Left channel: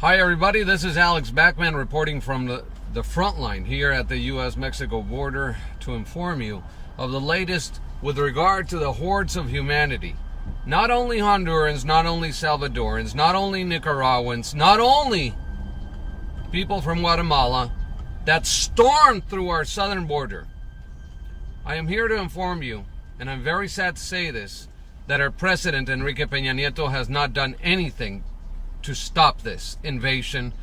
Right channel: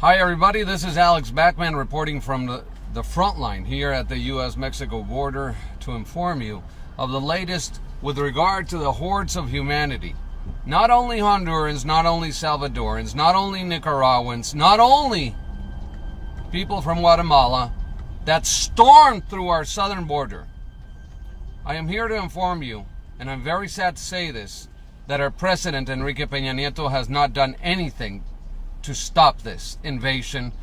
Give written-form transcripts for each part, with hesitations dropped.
Hi everybody, this is Alex Backman reporting from the front line here at the U.S.-Mexico border to inform you of the latest with regard to the hordes of humanity. Not only Hondurans, not only Salvadorans, not only Nicaraguans, not only people from Guatemala that stormed through our southern border. I am here to inform you, and I'm very sad to say this, that our president, Enrique Peña Nieto, has not done anything to stop this invasion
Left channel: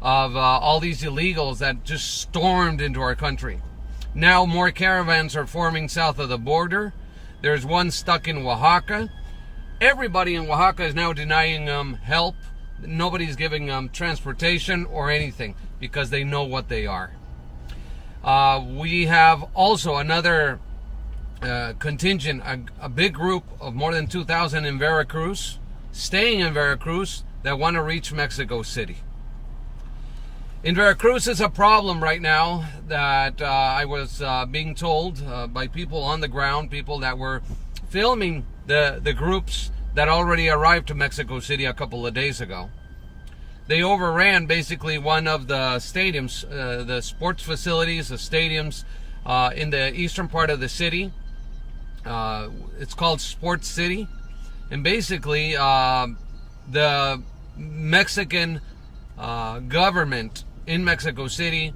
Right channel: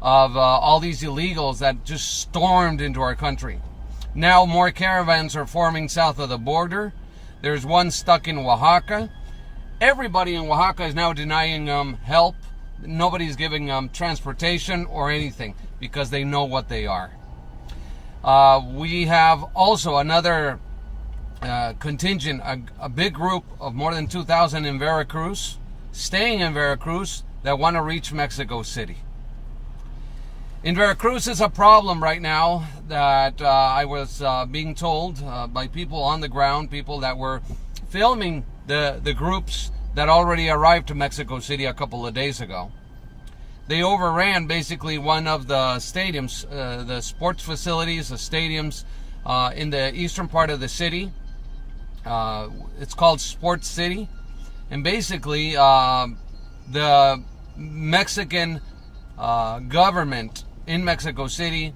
of all these illegals that just stormed into our country. Now more caravans are forming south of the border. There's one stuck in Oaxaca. Everybody in Oaxaca is now denying help. Nobody's giving transportation or anything because they know what they are. We have also another contingent, a big group of more than 2,000 in Veracruz, staying in Veracruz, that want to reach Mexico City. In Veracruz is a problem right now that I was being told by people on the ground, people that were filming the groups that already arrived to Mexico City a couple of days ago. They overran basically one of the stadiums, the sports facilities, the stadiums in the eastern part of the city. It's called Sports City. And basically the Mexican government in Mexico City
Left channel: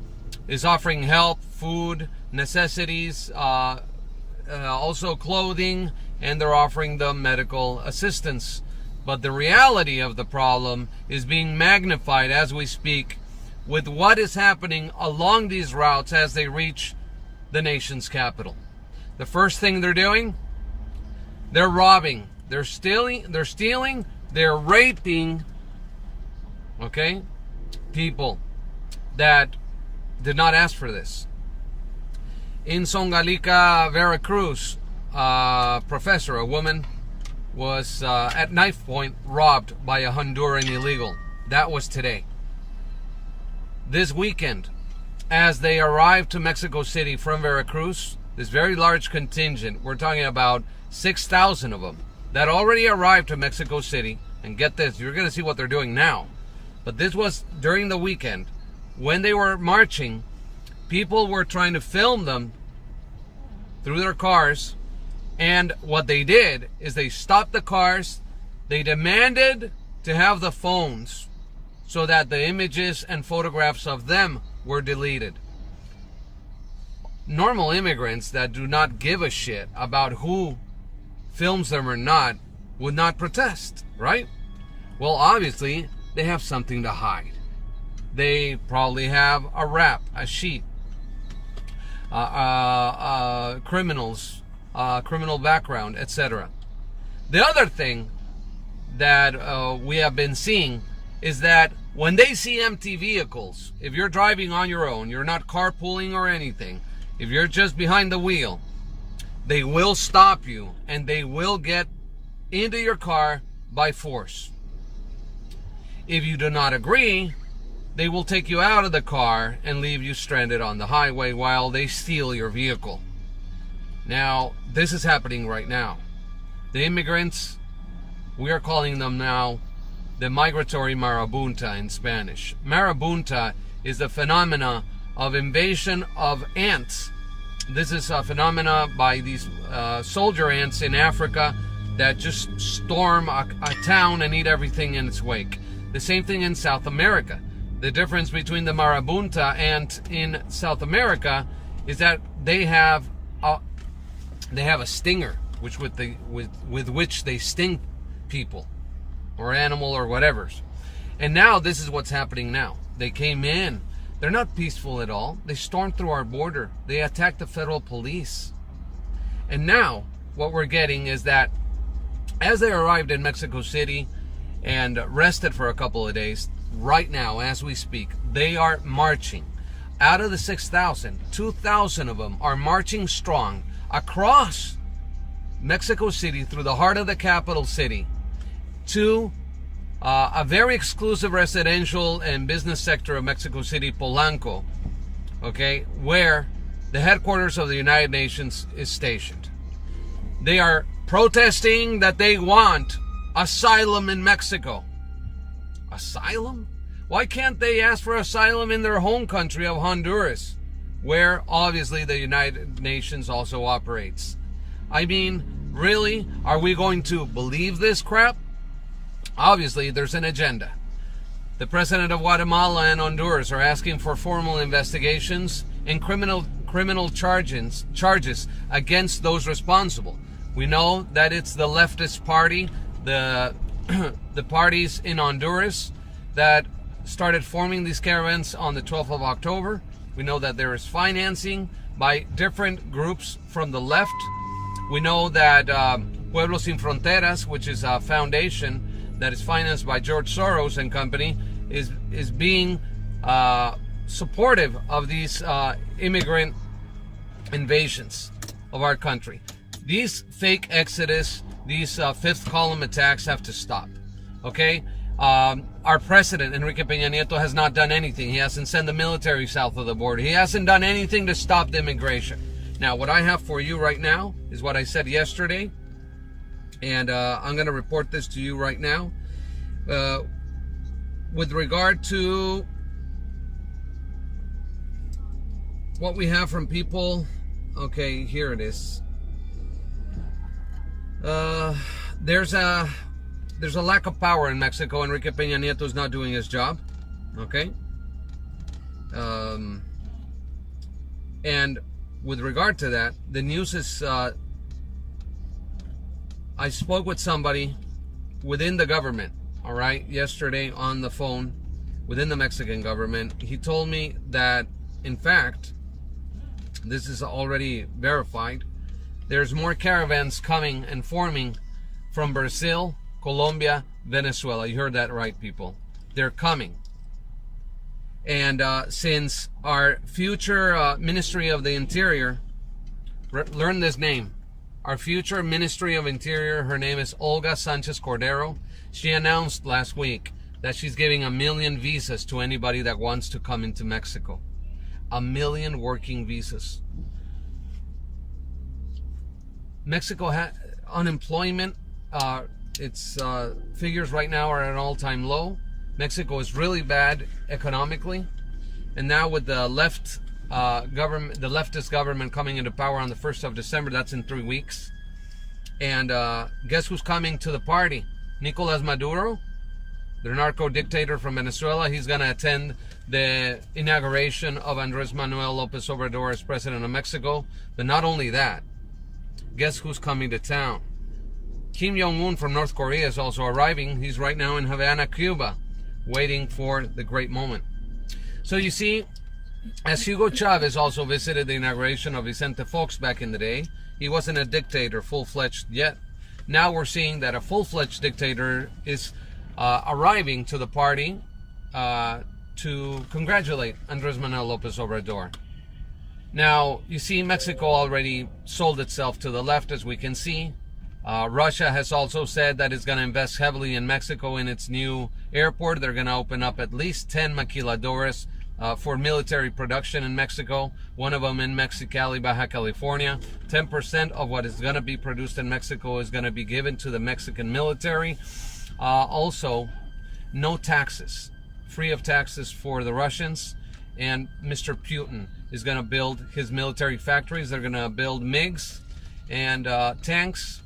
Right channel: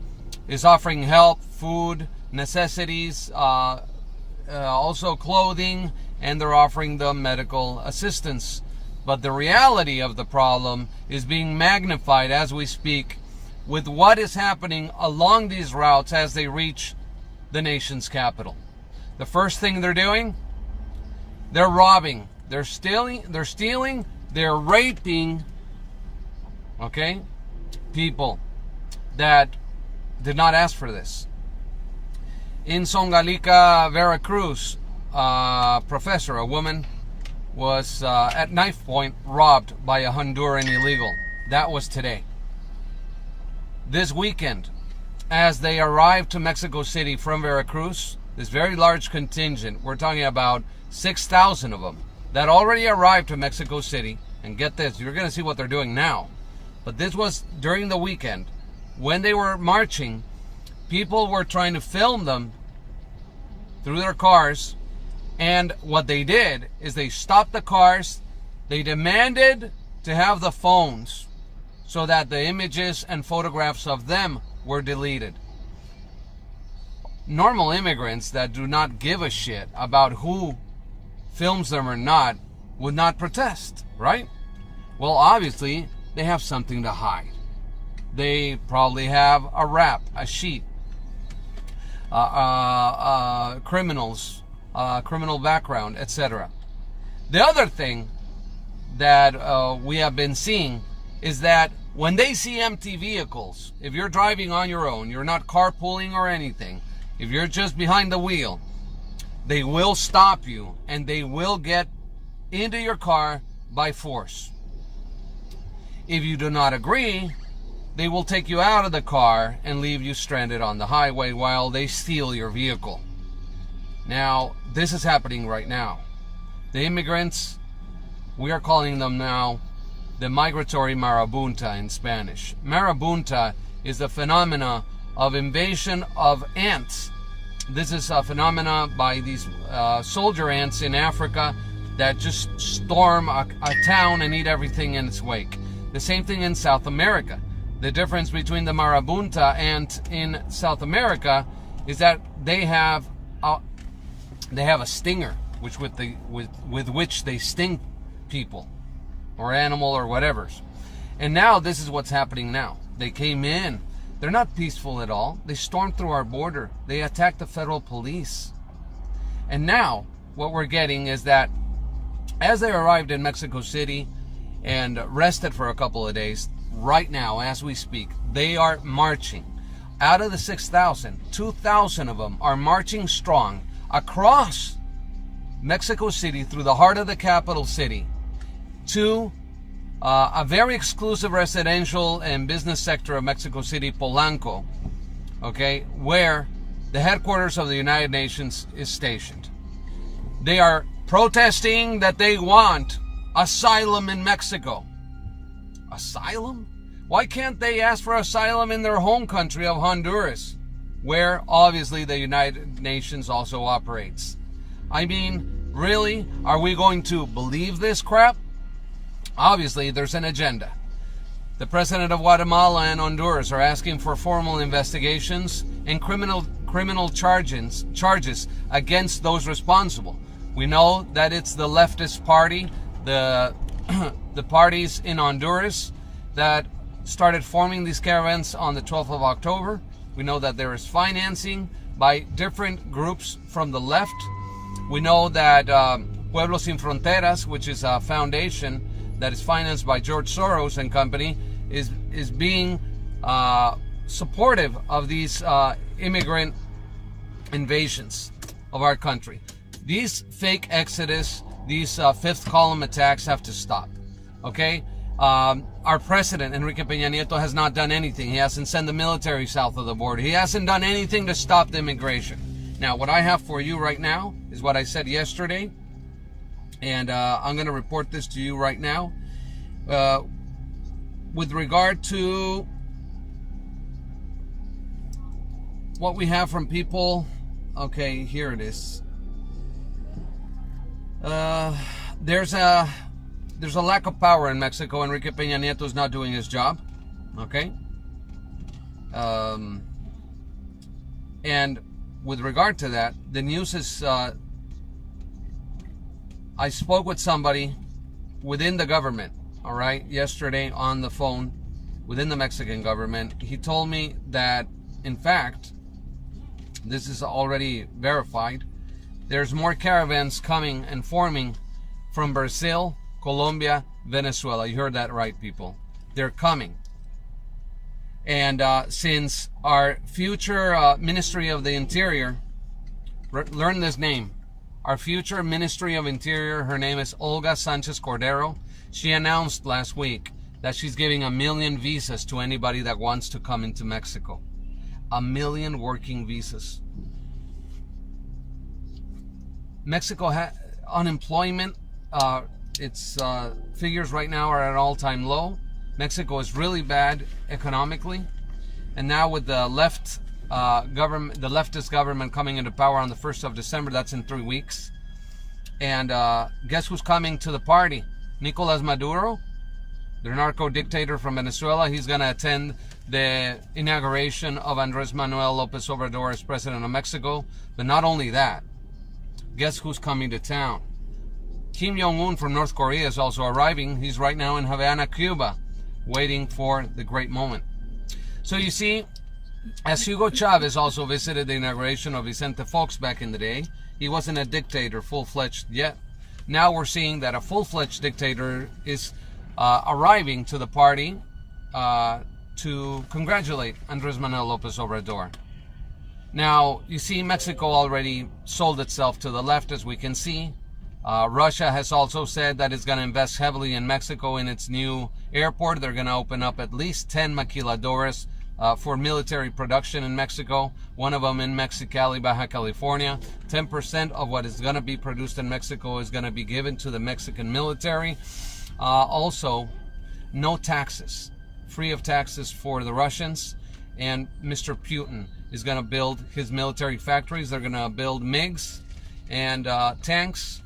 is offering help, food, necessities, also clothing, and they're offering them medical assistance. But the reality of the problem is being magnified as we speak with what is happening along these routes as they reach the nation's capital. The first thing they're doing, they're robbing, they're stealing, they're raping, okay, people that did not ask for this. In Songalica, Veracruz, professor, a woman, was at knife point robbed by a Honduran illegal. That was today. This weekend, as they arrived to Mexico City from Veracruz, this very large contingent, we're talking about 6,000 of them, that already arrived to Mexico City. And get this, you're going to see what they're doing now. But this was during the weekend. When they were marching, people were trying to film them through their cars. And what they did is they stopped the cars. They demanded to have the phones so that the images and photographs of them were deleted. Normal immigrants that do not give a shit about who films them or not would not protest, right? Well, obviously, they have something to hide. They probably have a rap, a sheet, criminals, criminal background, etc. The other thing that we have been seeing is that when they see empty vehicles, if you're driving on your own, you're not carpooling or anything, if you're just behind the wheel, they will stop you and they will get into your car by force. If you do not agree, they will take you out of the car and leave you stranded on the highway while they steal your vehicle. Now, this is happening right now. The immigrants, we are calling them now the migratory marabunta in Spanish. Marabunta is the phenomena of invasion of ants. This is a phenomena by these soldier ants in Africa that just storm a town and eat everything in its wake. The same thing in South America. The difference between the marabunta ant in South America is that they have a stinger, with which they sting people or animal or whatever. And now this is what's happening now. They came in. They're not peaceful at all. They stormed through our border. They attacked the federal police. And now what we're getting is that as they arrived in Mexico City and rested for a couple of days, right now as we speak, they are marching. Out of the 6,000, 2,000 of them are marching strong across Mexico City through the heart of the capital city to a very exclusive residential and business sector of Mexico City, Polanco, okay, where the headquarters of the United Nations is stationed. They are protesting that they want asylum in Mexico. Asylum? Why can't they ask for asylum in their home country of Honduras, where obviously the United Nations also operates? I mean, really? Are we going to believe this crap? Obviously, there's an agenda. The president of Guatemala and Honduras are asking for formal investigations and criminal charges against those responsible. We know that it's the leftist party, the parties in Honduras that started forming these caravans on the 12th of October. We know that there is financing by different groups from the left. We know that Pueblos Sin Fronteras, which is a foundation that is financed by George Soros and company, is being supportive of these immigrant invasions of our country. These fake exodus, these fifth column attacks have to stop. Okay? Our president, Enrique Peña Nieto, has not done anything. He hasn't sent the military south of the border. He hasn't done anything to stop the immigration. Now, what I have for you right now is what I said yesterday. And I'm going to report this to you right now. With regard to what we have from people, okay, here it is. There's a lack of power in Mexico. Enrique Peña Nieto is not doing his job. Okay. And with regard to that, the news is, I spoke with somebody within the government, all right, yesterday on the phone within the Mexican government. He told me that, in fact, this is already verified. There's more caravans coming and forming from Brazil, Colombia, Venezuela. You heard that right, people. They're coming. And since our future Ministry of the Interior, learn this name, our future Ministry of Interior, her name is Olga Sanchez Cordero. She announced last week that she's giving 1 million visas to anybody that wants to come into Mexico. 1 million working visas. Mexico unemployment, its figures right now are at an all-time low. Mexico is really bad economically, and now with the government, the leftist government coming into power on the 1st of December, that's in 3 weeks. And guess who's coming to the party? Nicolas Maduro, the narco dictator from Venezuela. He's going to attend the inauguration of Andrés Manuel López Obrador as president of Mexico. But not only that, guess who's coming to town? Kim Jong-un from North Korea is also arriving. He's right now in Havana, Cuba, waiting for the great moment. So you see, as Hugo Chavez also visited the inauguration of Vicente Fox back in the day, he wasn't a dictator full-fledged yet. Now we're seeing that a full-fledged dictator is arriving to the party to congratulate Andrés Manuel López Obrador. Now, you see, Mexico already sold itself to the left, as we can see. Russia has also said that it's going to invest heavily in Mexico in its new airport. They're going to open up at least 10 maquiladoras for military production in Mexico. One of them in Mexicali, Baja California. 10% of what is going to be produced in Mexico is going to be given to the Mexican military. Also, no taxes. Free of taxes for the Russians. And Mr. Putin is going to build his military factories. They're going to build MiGs and tanks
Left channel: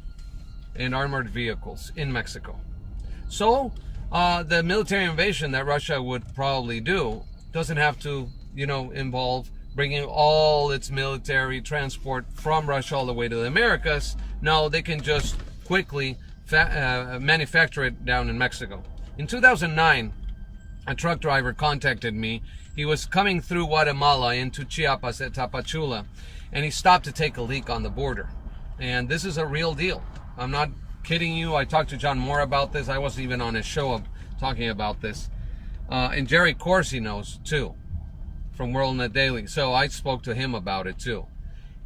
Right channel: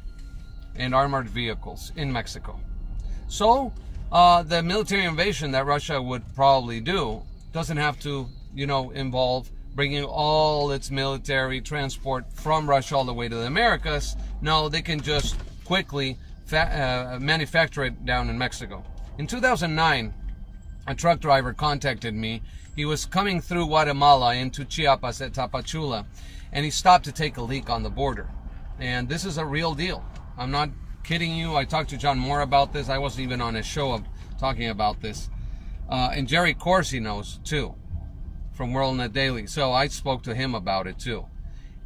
and armored vehicles in Mexico. So the military invasion that Russia would probably do doesn't have to, involve bringing all its military transport from Russia all the way to the Americas. No, they can just quickly manufacture it down in Mexico. In 2009, a truck driver contacted me. He was coming through Guatemala into Chiapas at Tapachula, and he stopped to take a leak on the border. And this is a real deal. I'm not kidding you. I talked to John Moore about this. I was even on his show talking about this. And Jerry Corsi knows too, from WorldNet Daily. So I spoke to him about it too.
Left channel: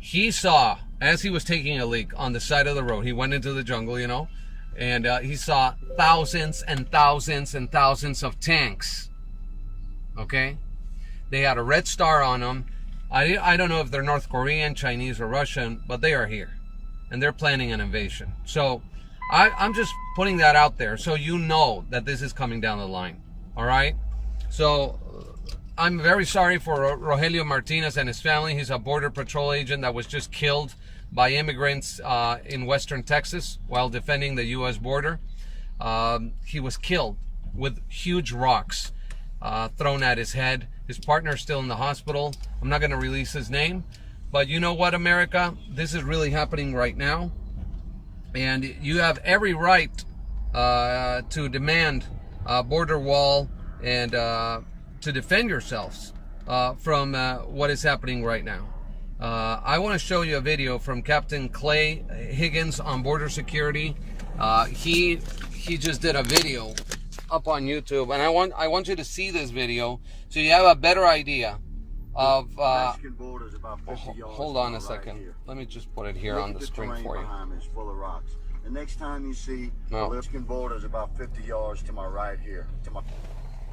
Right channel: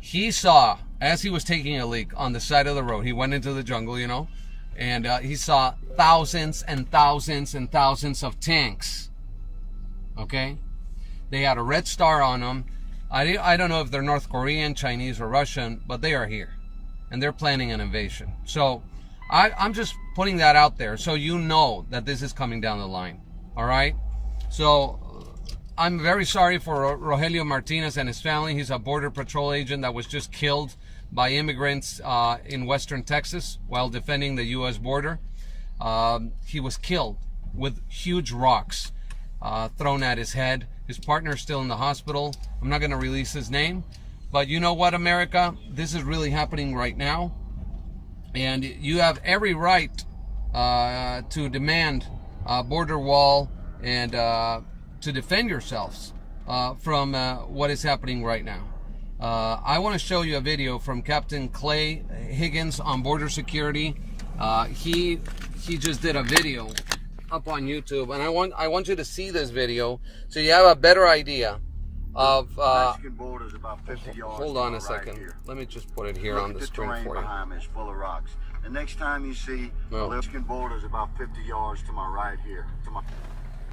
He saw, as he was taking a leak on the side of the road, he went into the jungle, and he saw thousands and thousands and thousands of tanks. Okay? They had a red star on them. I don't know if they're North Korean, Chinese, or Russian, but they are here. And they're planning an invasion. So I'm just putting that out there so you know that this is coming down the line. All right? So I'm very sorry for Rogelio Martinez and his family. He's a Border Patrol agent that was just killed by immigrants in western Texas while defending the U.S. border. He was killed with huge rocks thrown at his head. His partner is still in the hospital. I'm not going to release his name. But you know what, America? This is really happening right now. And you have every right to demand a border wall and to defend yourselves from what is happening right now. I want to show you a video from Captain Clay Higgins on border security. He just did a video up on YouTube, and I want you to see this video so you have a better idea of Mexican border is about 50 yards. Hold on a second. Right, let me just put it here on the screen for you. Behind me is full of rocks. The next time you see the Mexican border is about 50 yards to my right here.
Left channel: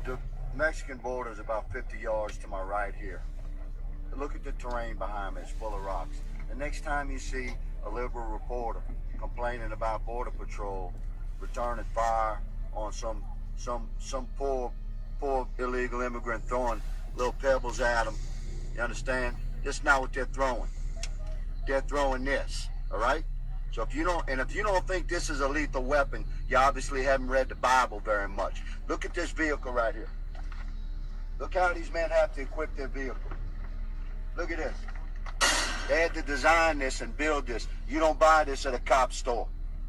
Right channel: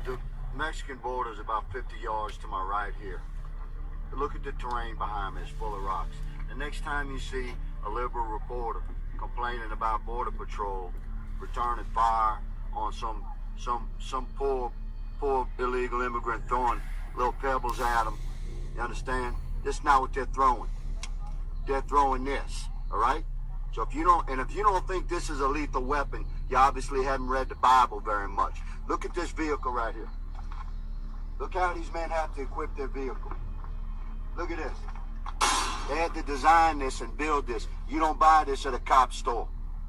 The Mexican border is about 50 yards to my right here. Look at the terrain behind me, it's full of rocks. The next time you see a liberal reporter complaining about Border Patrol returning fire on some poor illegal immigrant throwing little pebbles at them, you understand? That's not what they're throwing. They're throwing this, all right? So if you don't think this is a lethal weapon, you obviously haven't read the Bible very much. Look at this vehicle right here. Look how these men have to equip their vehicle. Look at this. They had to design this and build this. You don't buy this at a cop store.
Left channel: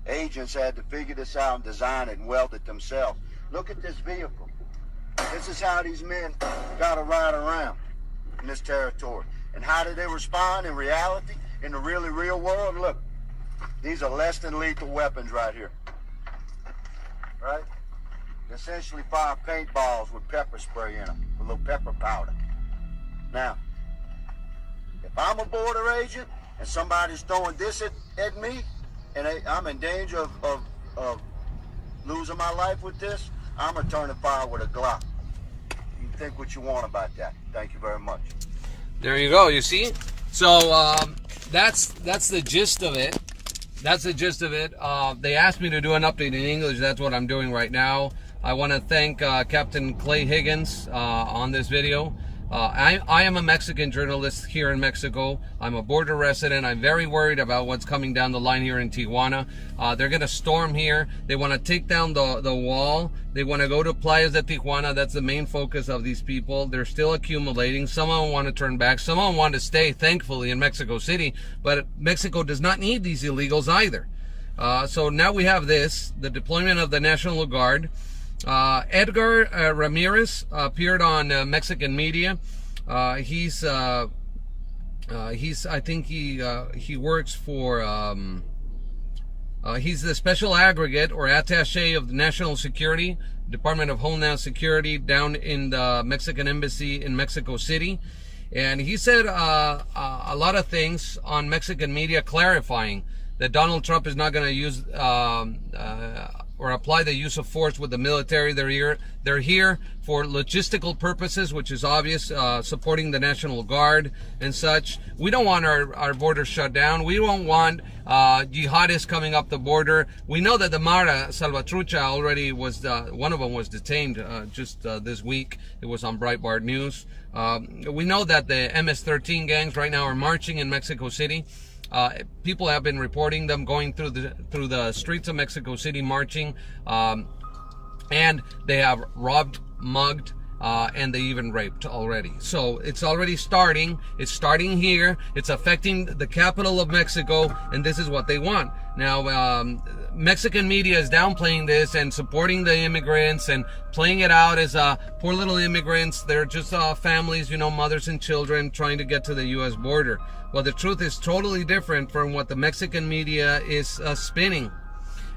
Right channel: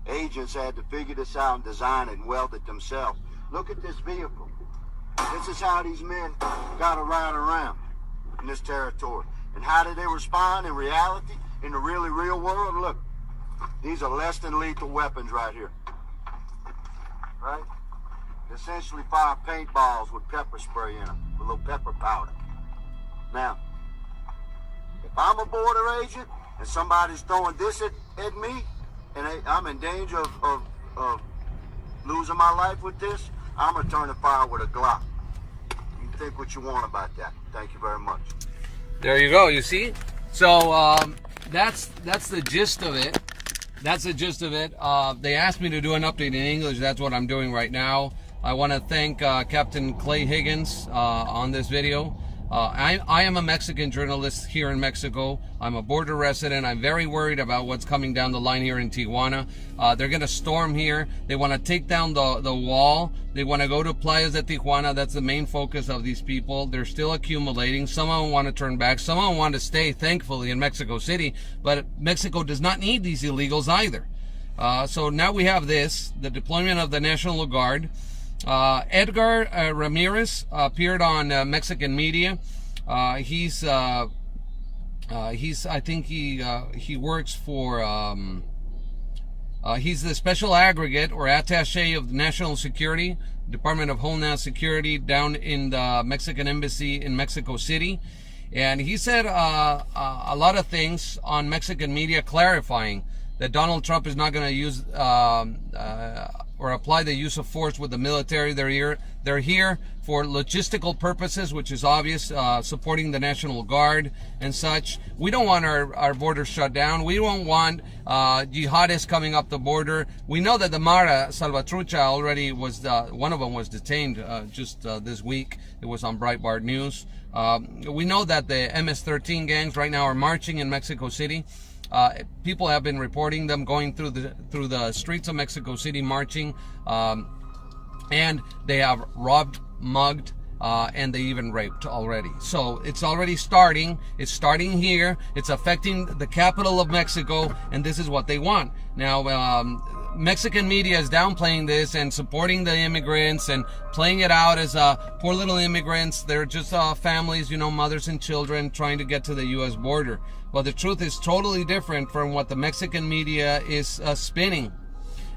Agents had to figure this out and design it and weld it themselves. Look at this vehicle. This is how these men got to ride around in this territory. And how do they respond in reality, in the really real world? Look, these are less than lethal weapons right here. Right? Essentially fire paintballs with pepper spray in them, with a little pepper powder. Now, if I'm a border agent and somebody's throwing this at me, and I'm in danger of losing my life with this, I'm returning fire with a Glock. You can think what you want about that. Thank you very much. There you go. You see? So that's the gist of it. That's the gist of it. They asked me to do an update in English. That's what I'm doing right now. I want to thank Captain Clay Higgins on this video. I am a Mexican journalist here in Mexico. I'm a border resident. I'm very worried about what's coming down the line here in Tijuana. They're going to storm here. They want to take down the wall. They want to go to Playas de Tijuana. That's the main focus of these people. They're still accumulating. Some of them want to turn back. Some of them want to stay, thankfully, in Mexico City. But Mexico does not need these illegals either. So now we have this, the deployment of the National Guard. Edgar Ramirez appeared on Mexican media. I think he works for he's the special aggregate or attaché of National Security, Department of Homeland Security, down in the Mexican embassy in Mexico City. And he said a lot of things on Mexican media, clarifying that Donald Trump is not going to use or apply the use of force with the military. They're here for logistical purposes, which is obvious, supporting the National Guard and such. We don't want our borders shut down. We don't want jihadists coming up the border. We know that the Mara Salvatrucha already was, one of them was detained just this week. It was on Breitbart News. We know that the MS-13 gangs right now are marching in Mexico City. People have been reporting them going through the streets of Mexico City marching, and they have robbed, mugged, and they even raped already. So it's already starting. It's starting here. It's affecting the capital of Mexico, and this is what they want. Now, Mexican media is downplaying this and supporting the immigrants and playing it out as poor little immigrants. They're just families, mothers and children trying to get to the U.S. border. Well, the truth is totally different from what the Mexican media is spinning.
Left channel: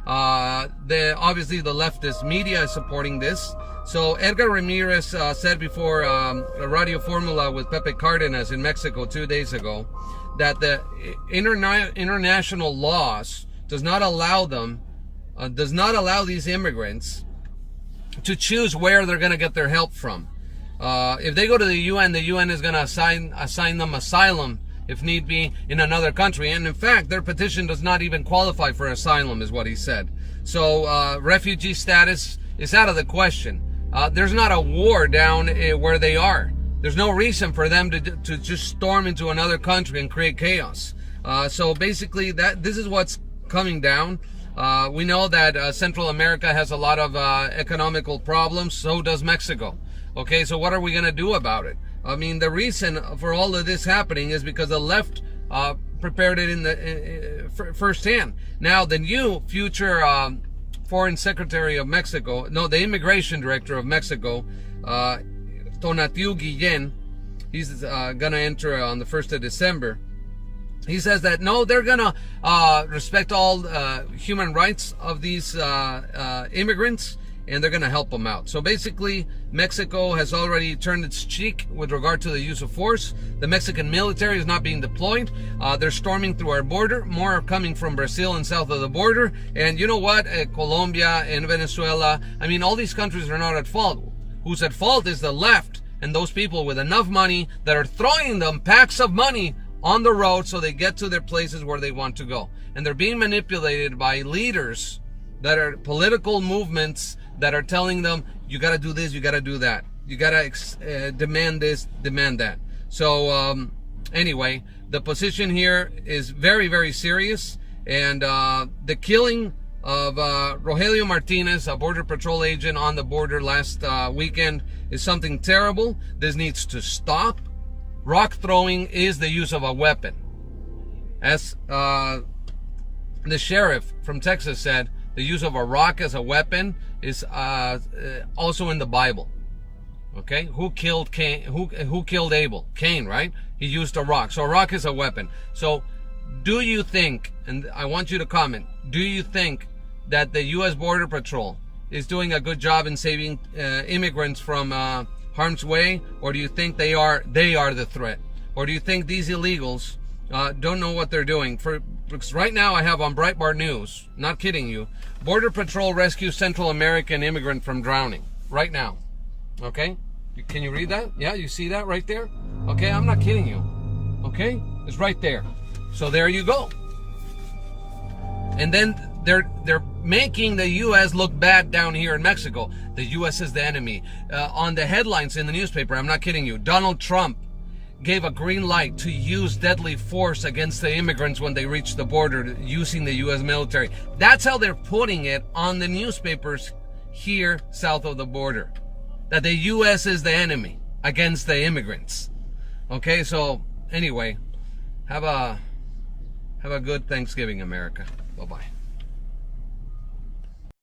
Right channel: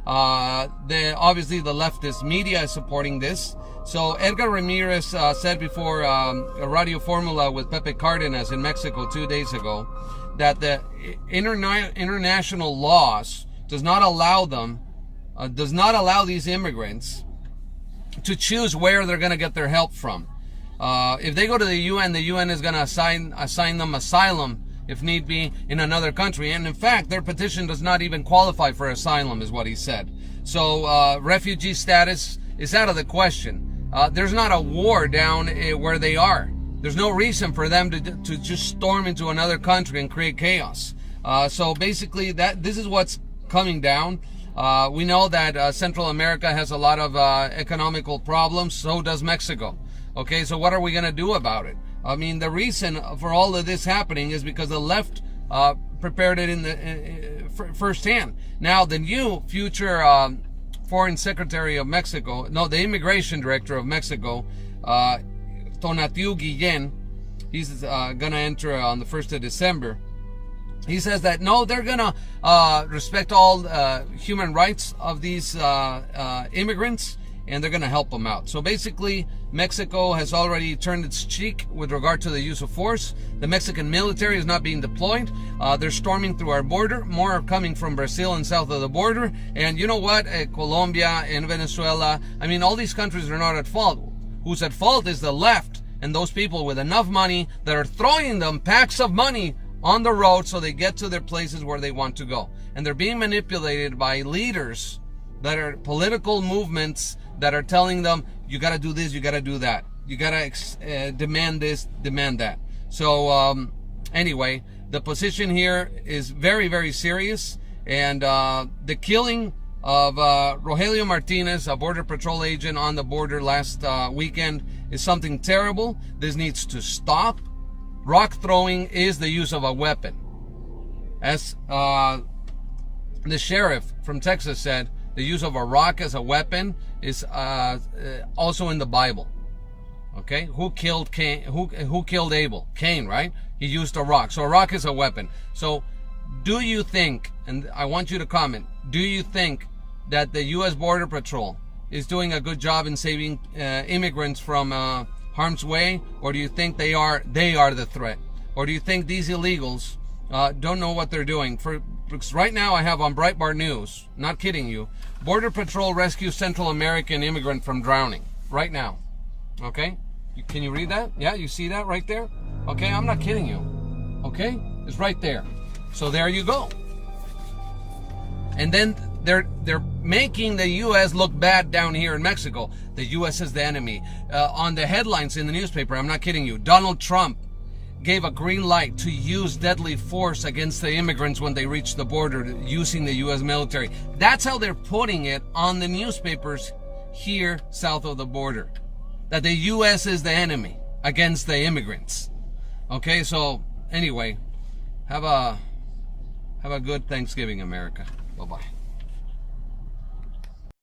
Obviously, the leftist media is supporting this. So Edgar Ramirez said before Radio Formula with Pepe Cardenas in Mexico 2 days ago that the international laws does not allow these immigrants to choose where they're going to get their help from. If they go to the UN is going to assign them asylum if need be in another country. And in fact, their petition does not even qualify for asylum, is what he said. So refugee status is out of the question. there's not a war down where they are. There's no reason for them to just storm into another country and create chaos. So basically, this is what's coming down. We know that Central America has a lot of economical problems. So does Mexico. Okay, so what are we going to do about it? I mean, the reason for all of this happening is because the left prepared it in the firsthand. Now, the new future Foreign Secretary of Mexico, the Immigration Director of Mexico, Tonatiu Guillen, he's going to enter on the 1st of December. He says that, no, they're going to respect all human rights of these immigrants, and they're going to help them out. So basically, Mexico has already turned its cheek with regard to the use of force. The Mexican military is not being deployed. They're storming through our border. More are coming from Brazil and south of the border. And you know what? Colombia and Venezuela, I mean, all these countries are not at fault. Who's at fault is the left and those people with enough money that are throwing them packs of money on the road so they get to their places where they want to go. And they're being manipulated by leaders that are political movements that are telling them, you got to do this, you got to do that. You got to demand this, demand that. So anyway, the position here is very, very serious. And the killing of Rogelio Martinez, a Border Patrol agent on the border last weekend, is something terrible. This needs to stop. Rock throwing is the use of a weapon. As the sheriff from Texas said, the use of a rock as a weapon is also in the Bible. Okay, who killed Cain? Who killed Abel? Cain, right? He used a rock. So a rock is a weapon. So do you think, and I want you to comment, do you think that the U.S. Border Patrol is doing a good job in saving immigrants from harm's way, or do you think they are the threat, or do you think these illegals don't know what they're doing? Because right now I have on Breitbart News, not kidding you, Border Patrol rescues Central American immigrant from drowning. Right now. Okay? Can you read that? Yeah, you see that right there? Okay, I'm not kidding you. Okay? It's right there. So there you go. And then they're making the U.S. look bad down here in Mexico. The U.S. is the enemy. On the headlines in the newspaper, I'm not kidding you, Donald Trump gave a green light to use deadly force against the immigrants when they reach the border using the U.S. military. That's how they're putting it on the newspapers here south of the border. That the U.S. is the enemy against the immigrants. Okay, so anyway, have a good Thanksgiving, America. Bye-bye.